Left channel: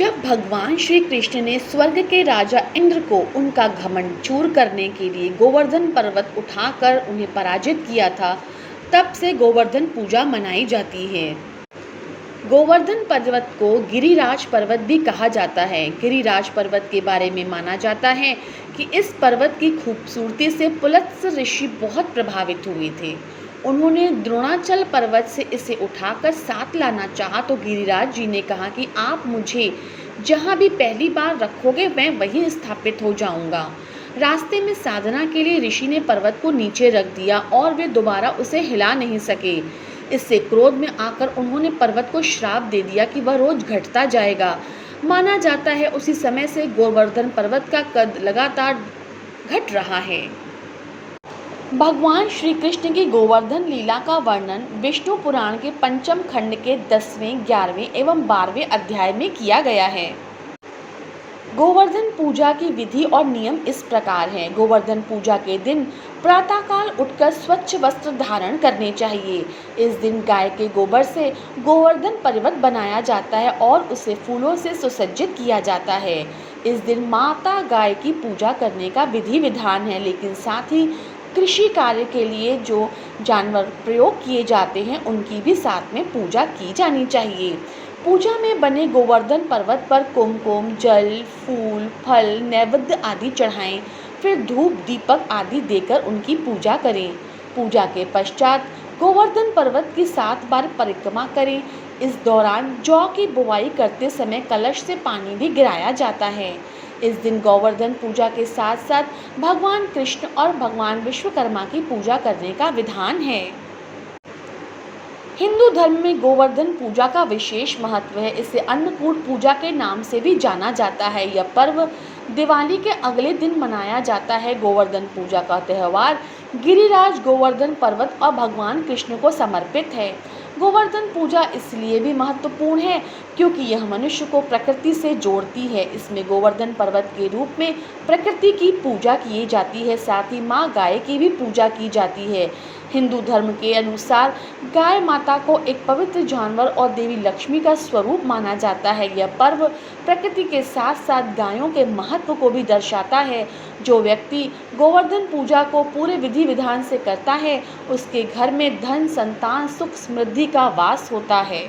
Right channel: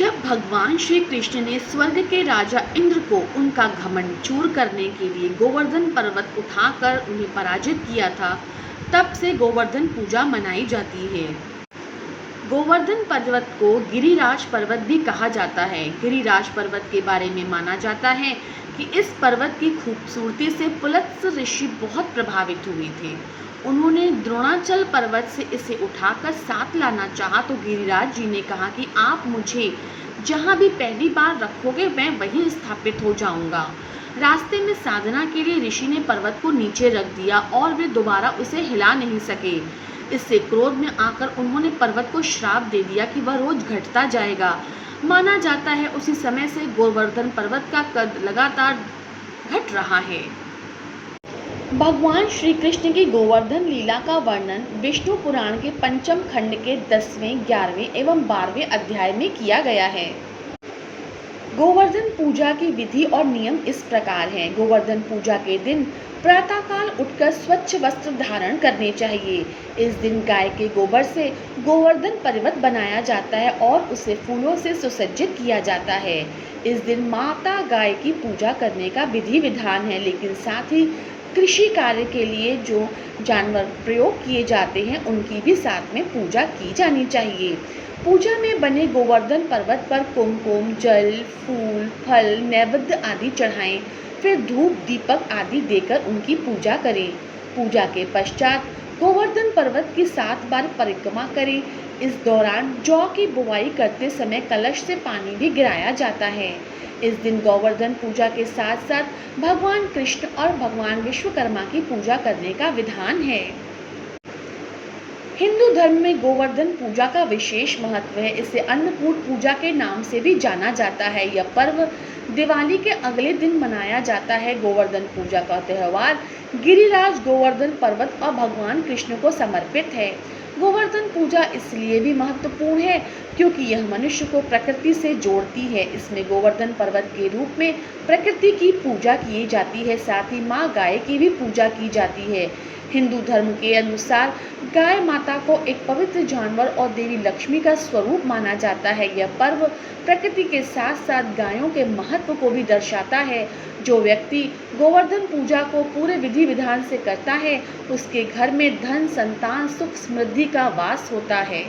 जब भगवान श्री कृष्ण ने स्वर्ग के राजा इंद्र को उनका घमंड चूर करने के लिए गोवर्धन पर्वत उठाकर उन्हें पराजित किया था, तब से गोवर्धन पूजा मनाई जाती है। गोवर्धन पर्वत को गिरिराज पर्वत भी कहा जाता है। गिरिराज पर्वत के बारे में माना जाता है कि इस पर्वत की खूबसूरती से पुलत्स्य ऋषि बहुत प्रभावित हुए थे। उन्होंने द्रोणाचल पर्वत से इसे उठाकर साथ लाना चाहा तो गिरिराज जी ने कहा कि आप मुझे जहाँ भी पहली बार रखोगे मैं वहीं स्थापित हो जाऊंगा। रास्ते में साधना के लिए ऋषि ने पर्वत को नीचे रख दिया और वे दोबारा उसे हिला नहीं सके। इससे क्रोध में आकर उन्होंने पर्वत को श्राप दे दिया कि वह रोज घटता जाएगा। माना जाता है उसी समय से गोवर्धन पर्वत का कद लगातार घट रहा है। भगवान श्री कृष्ण की गोवर्धन लीला का वर्णन विष्णु पुराण के पंचम खंड के 10वें, 11वें एवं 12वें अध्याय में किया गया है। गोवर्धन पूजा की विधि और नियम इस प्रकार हैं। गोवर्धन पूजा के दिन प्रातःकाल उठकर स्वच्छ वस्त्र धारण करने चाहिए। इस दिन गाय के गोबर से गोवर्धन पर्वत बनाया जाता है और उसे फूलों से सुसज्जित किया जाता है। इस दिन माता गाय की पूजा करने का विधि विधान है, लेकिन साथ ही कृषि कार्य के लिए जो जानवर प्रयोग किए जाते हैं उनकी भी साथ में पूजा की जानी चाहिए। पूजा में बने गोवर्धन पर्वत पर कुमकुम, जल, फूल, फल, नैवेद्य आदि चढ़ाएं, फिर धूप, दीपक आदि देकर उनकी पूजा करें। पूजा के पश्चात गोवर्धन पर्वत की 7 बार परिक्रमा करें। इस दौरान जौ की बुवाई करते समय कलश से पानी भी गिराया जाता है। इस दिन गोवर्धन पूजा के साथ साथ भगवान कृष्ण और भगवान विश्वकर्मा की पूजा करने का विधान है। हिंदू धर्म में गोवर्धन पूजा का विशेष महत्व है। इसे अन्नकूट पूजा के नाम से भी जाना जाता है। यह पर्व दिवाली के अगले दिन मनाया जाता है। गोवर्धन पूजा का त्यौहार गिरिराज गोवर्धन पर्वत और भगवान कृष्ण को समर्पित है। गोवर्धन पूजा इसलिए भी महत्वपूर्ण है क्योंकि यह मनुष्य को प्रकृति से जोड़ती है। इसमें गोवर्धन पर्वत के रूप में प्रकृति की पूजा की जाती है, साथ ही माँ गाय की भी पूजा की जाती है। हिंदू धर्म के अनुसार गाय माता को एक पवित्र जानवर और देवी लक्ष्मी का स्वरूप माना जाता है। यह पर्व प्रकृति के साथ साथ गायों के महत्व को भी दर्शाता है। जो व्यक्ति गोवर्धन पूजा को पूरे विधि विधान से करता है उसके घर में धन, संतान, सुख, समृद्धि का वास होता है।